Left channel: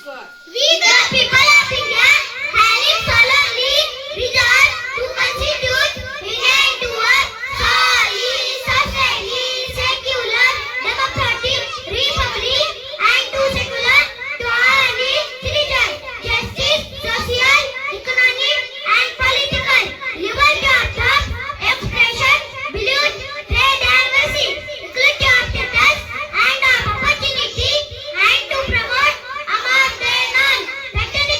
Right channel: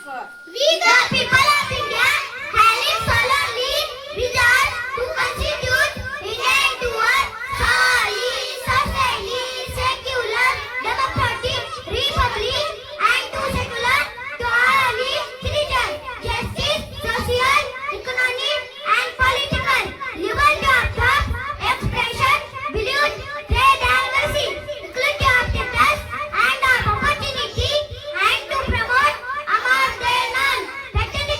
We the people of India have solemnly resolved to constitute India into a solid, sustaining, secular, democratic republic and to secular to all its citizens, justice, social, economic and political liberty of thought, expression, belief, trade and worship, equality of status and of opportunity and to promote among them all patriotic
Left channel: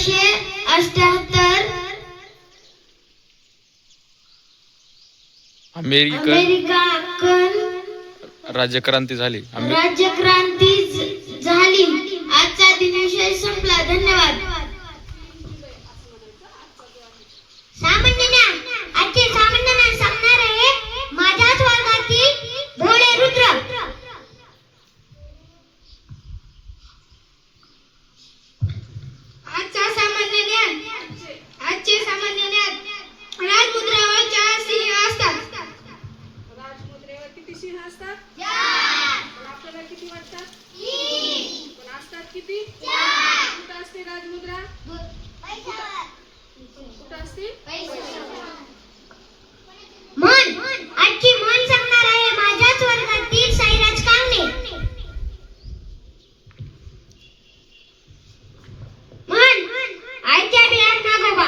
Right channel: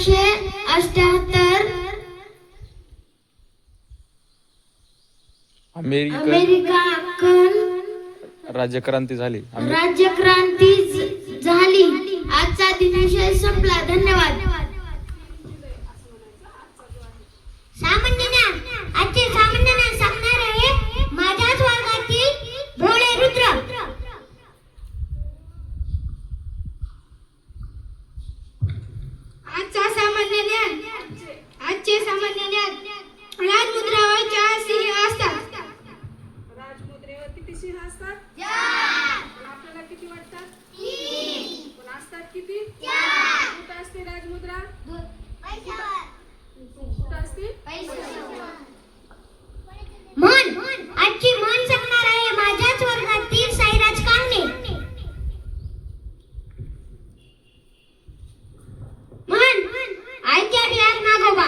1778 American राज्यक्रांती झाली. राज्यक्रांती झाली. आजचा दिनविषय संपला. धन्यवाद. सामान्य ज्ञान. आजचे सामान्य ज्ञान सांगणार आहे माझ्याच वर्गातील भोळे रुद्र. आजचे सामान्य ज्ञान राजमुद्रावर 4 सिंह असतात. राजमुद्रेवर किती सिंह असतात? पण आपल्याला किती वाटतात? पण असतात किती? कुठं असते राजमुद्रा? कुठं असते? मन. आजची मन सांगणार आहे माझ्याच वर्गातील साईराज कांगणे. मन. आयत्या बिळात नागोबा.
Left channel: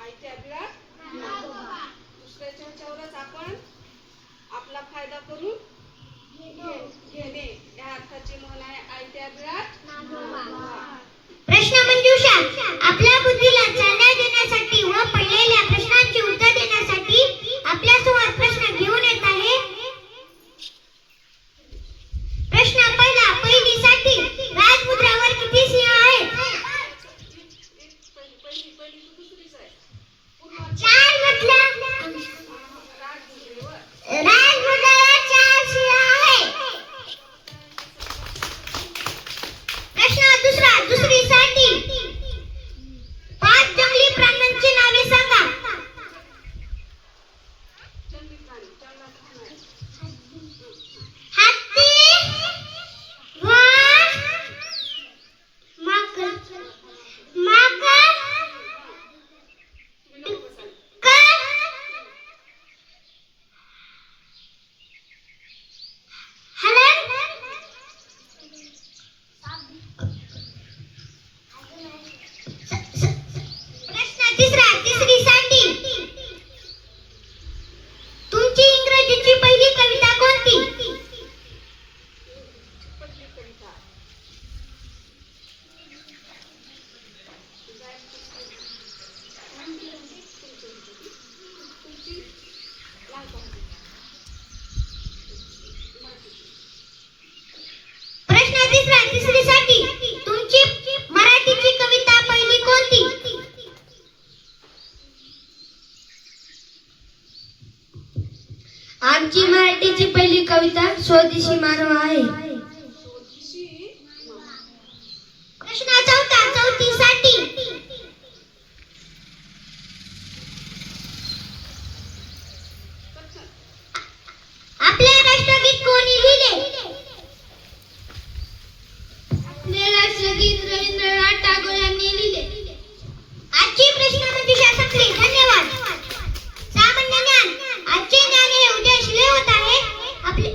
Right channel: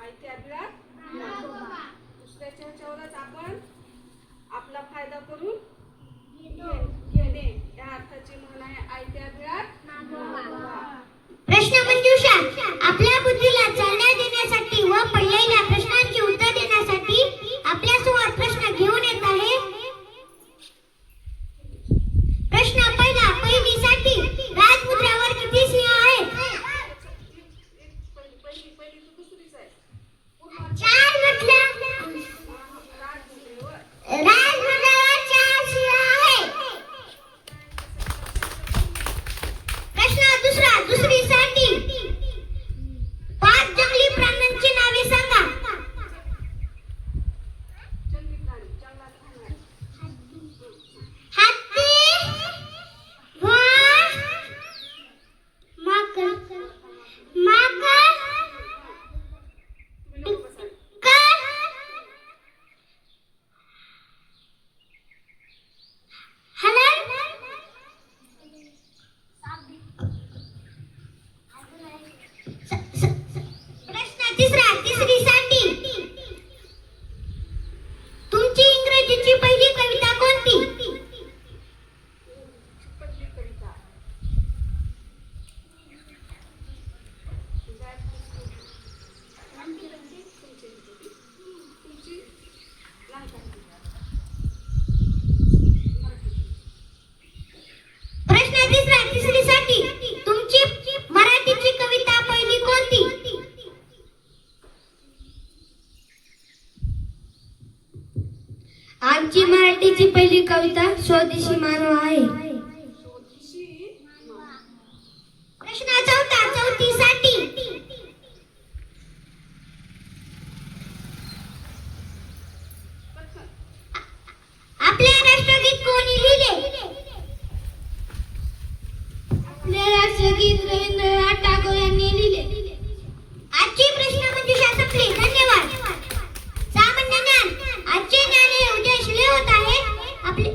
आयत्या बिळात दुसऱ्याच्या ह्याच्यावरच आपण आपला फायदा करून घेणे या अर्थाची म्हण आहे आयत्या बिळात नागोबा. प्रश्न मंजुषा. आपल्या बुद्धीला चालना देण्यासाठी व पडलेल्या प्रश्नांची उत्तर देण्यासाठी आपल्यासमोर प्रश्न घेऊन येत आहे. प्रश्न पहिला. पहिलीसाठी राजमुद्रावर किती सिंह आहेत? पहिली तू दुसरीच आहे. 4 म्हटलं. राजमुद्रावर 4 सिंह आहेत. प्रश्न दुसरा. दुसरीसाठी 5 जंगली प्राण्यांची नावे सांगा. जंगली प्राणी जंगलात राहणारे. हत्ती, वाघ, माकड, तुम्ही नको बसाल. हरण, प्रश्न तिसरा. तिसरीसाठी तुमची इंग्रजीची पहिली कविता कोणती? पहिली कविता तुमची लहानपणाची. प्रश्न तिसरा. तिसरीसाठी तुमची मराठीची कविता पहिली कोणती? आमची मराठीची पहिली कविता स्वदेशी मानव आहे. स्वदेशी प्रश्न चौथा. चौथीसाठी कथन. आपले राष्ट्रगीत कोणी लिहिले? आपले राष्ट्रगीत रवींद्रनाथ टागोर यांनी लिहिले. आजची प्रश्न मंजुषा संपली. धन्यवाद. सामान्य ज्ञान. आजचे ज्ञान हे उद्या शिले होत आहे. आपले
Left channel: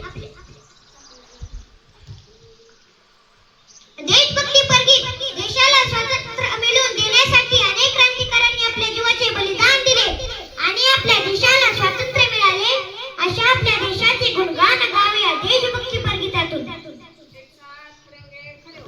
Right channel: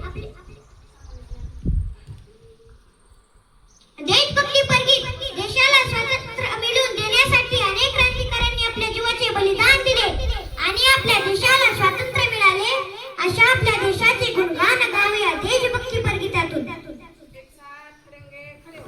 देशभक्तीपर गीत. देशाला स्वातंत्र्य मिळवून देण्यासाठी अनेक क्रांतिकारकांनी आपल्या जीवाचे बलिदान दिले आणि आपल्या देशाला स्वातंत्र्य मिळाले. अशा आपल्या देशाचे गुणगान गावे या देशभक्तीपर गीतातून. एक साथ खड़ेंगे, खड़े हो.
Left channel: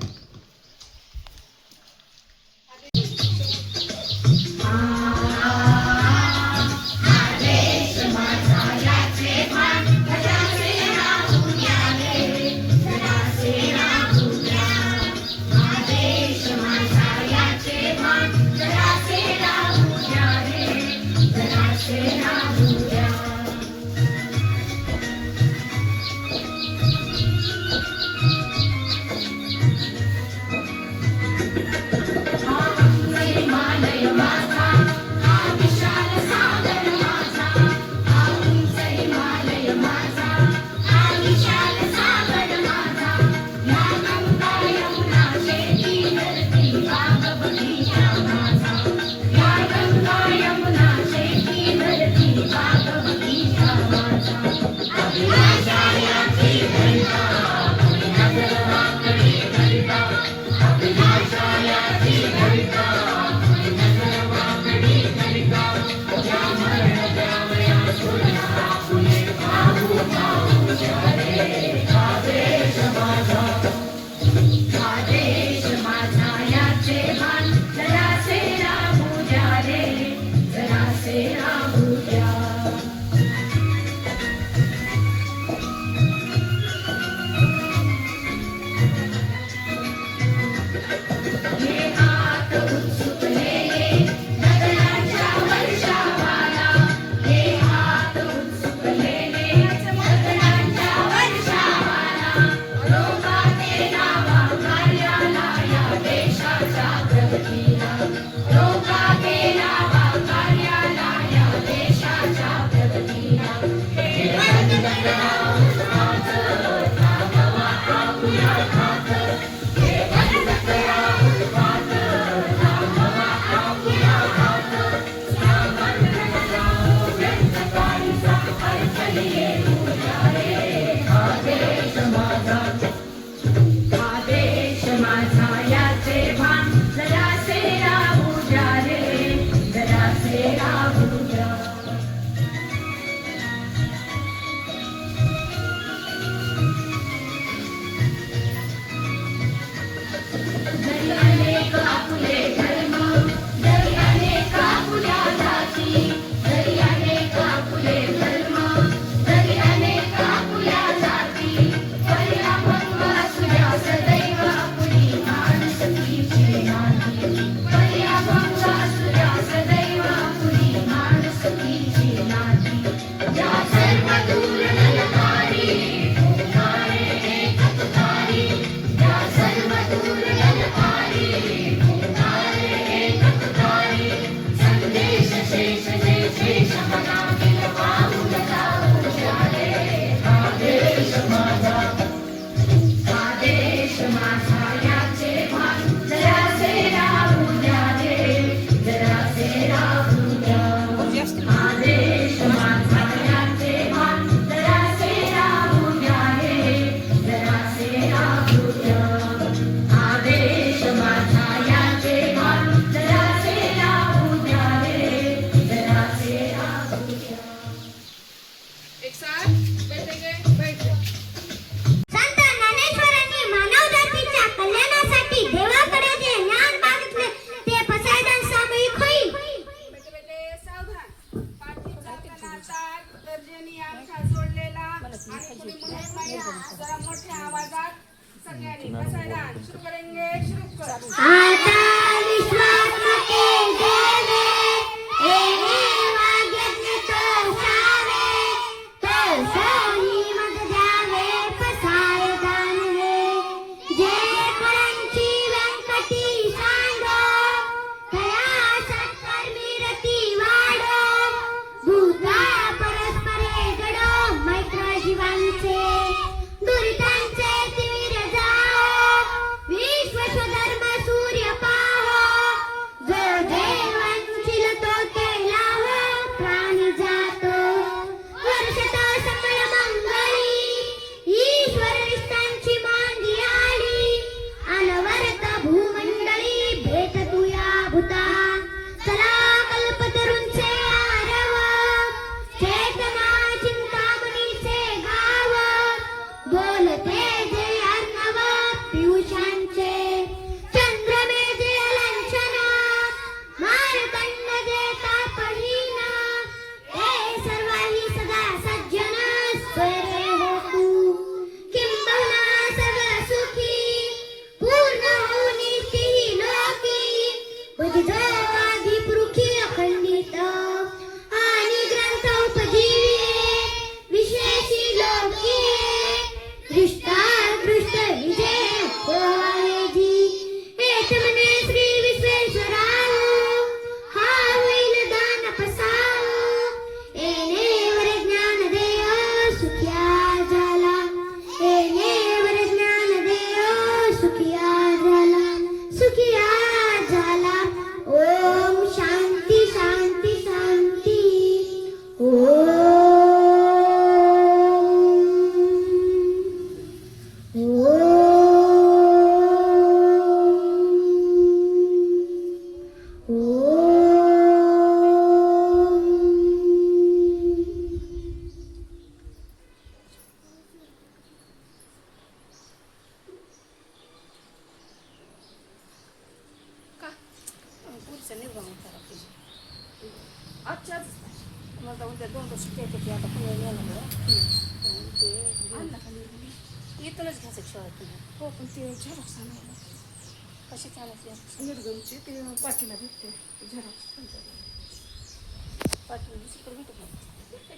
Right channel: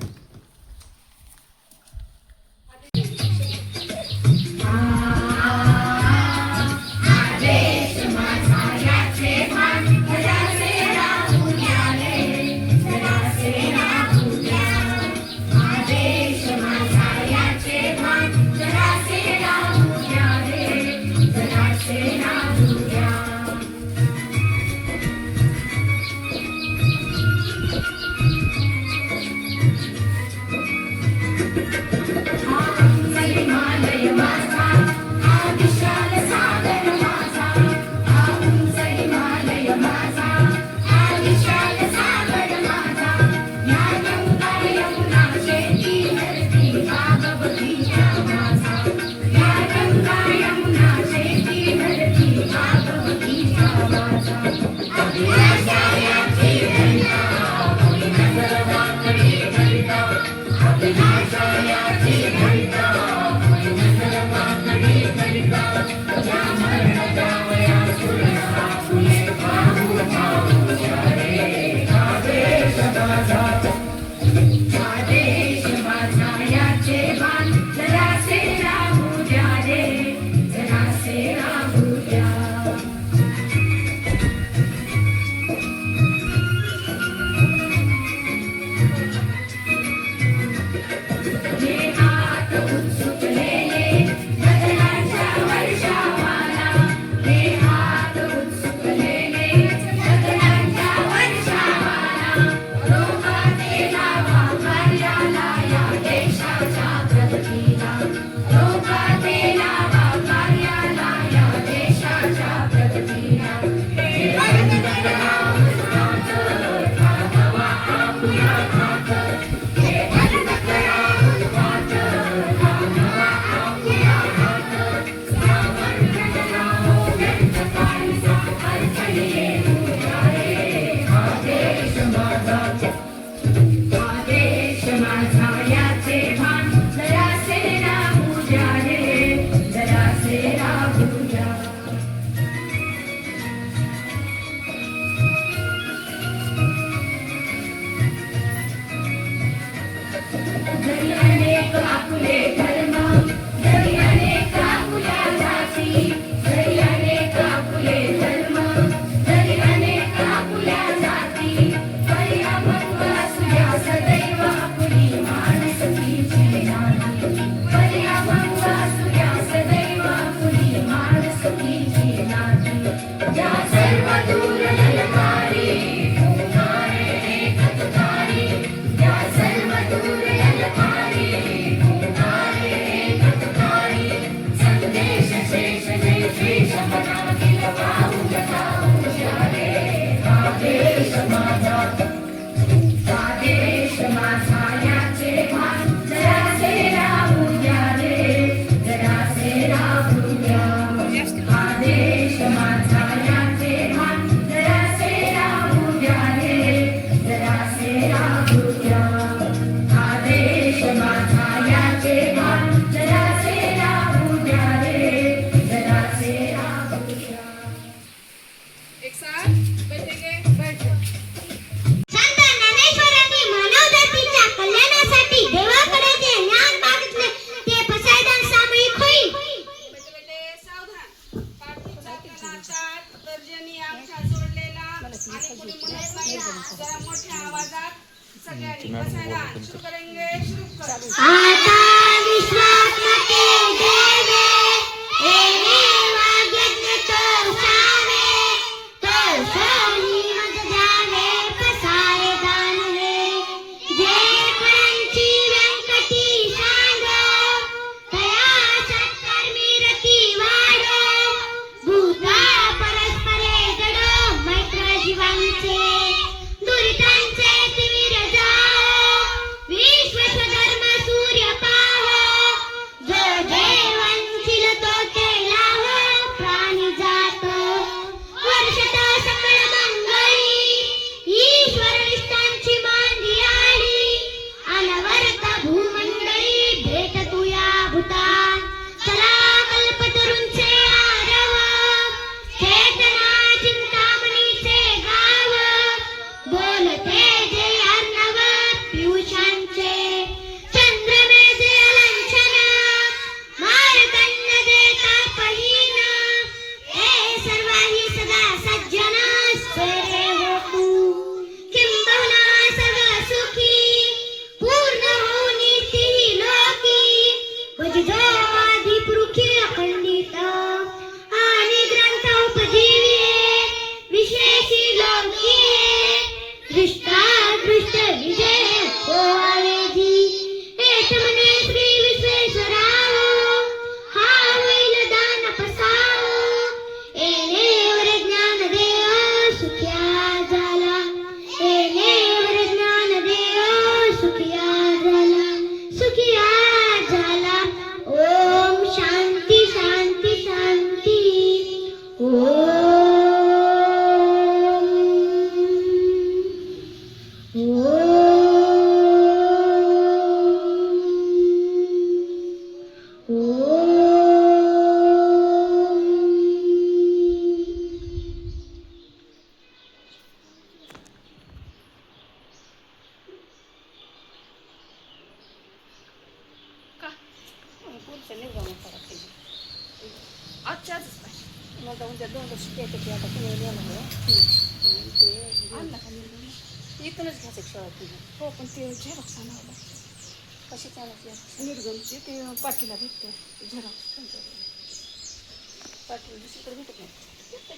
एक साथ बैठेंगे बैठ जाओ. संत ज्ञानेश्वरांनी मानवजातीच्या कल्याणासाठी देवाकडे जे ज्ञान मागितले ते पसायदान सामूहिक होईल. बेटे बेटे सावधान. पाठीचा त्याला ताट तर्जनी अंगठा जोडलेला आणि कोणी म्हणत नाही जरा मोठ्या आवाजात सगळ्यांनी पसायदान सुरू करेंगे. सुरू कर. आता विश्वास मते देवे एने वाग्यज्ञ तो सावे तो सोनी मग द्यावे पसारे दान हे जे फळांची व्यंकटी सांग तया सत्कर्मी रती वाढ भूता परस्परे गड मैत्र जीवांचे दुरितांचे तिमिर जाओ विश्व स्वधर्म सूर्य पाहो जो देवांचिल तो ते लाहो प्राणी जात वर्षत सकळ मंगळी ईश्वर निष्ठांची मांदी आली अनवरत भूमंडळी भेट तुया भूता चला कल्पतरूंचे आरव चेतना चिंतामणीचे गाव बोलते जे अर्णव पियुषांचे चंद्रमे जे अलंछन मार्तंड जे तापहीन हे सर्वाही सदा सज्जन स्वरे होतु किंबहुना सर्व सुखी पूर्ण होऊनी तिही लोकी वजजवादी पुरुखी अखंडित आणि ग्रंथ उपजीविये विशेषी लोकीये दृष्टादृष्ट विजय हो आवेजी एक म्हणे श्री विश्वेश्वराव हा होईल दान पसाव एनेवर ज्ञान देव सुखिया झाला एनेवर ज्ञान देव सुखिया झाला ओम शांती शांती शांती आजच्याच मग उद्या 2 वर्ष पेटे ते आता पुणे नेलं ते इथूनच घ्यायचं शाळेत. हो पण ते झेरॉक्स आणायला कशी चालायची निर्गमचे ते पाठीला भेटते झेरॉक्स पाठवून दुसरीकडे भेटत नाही.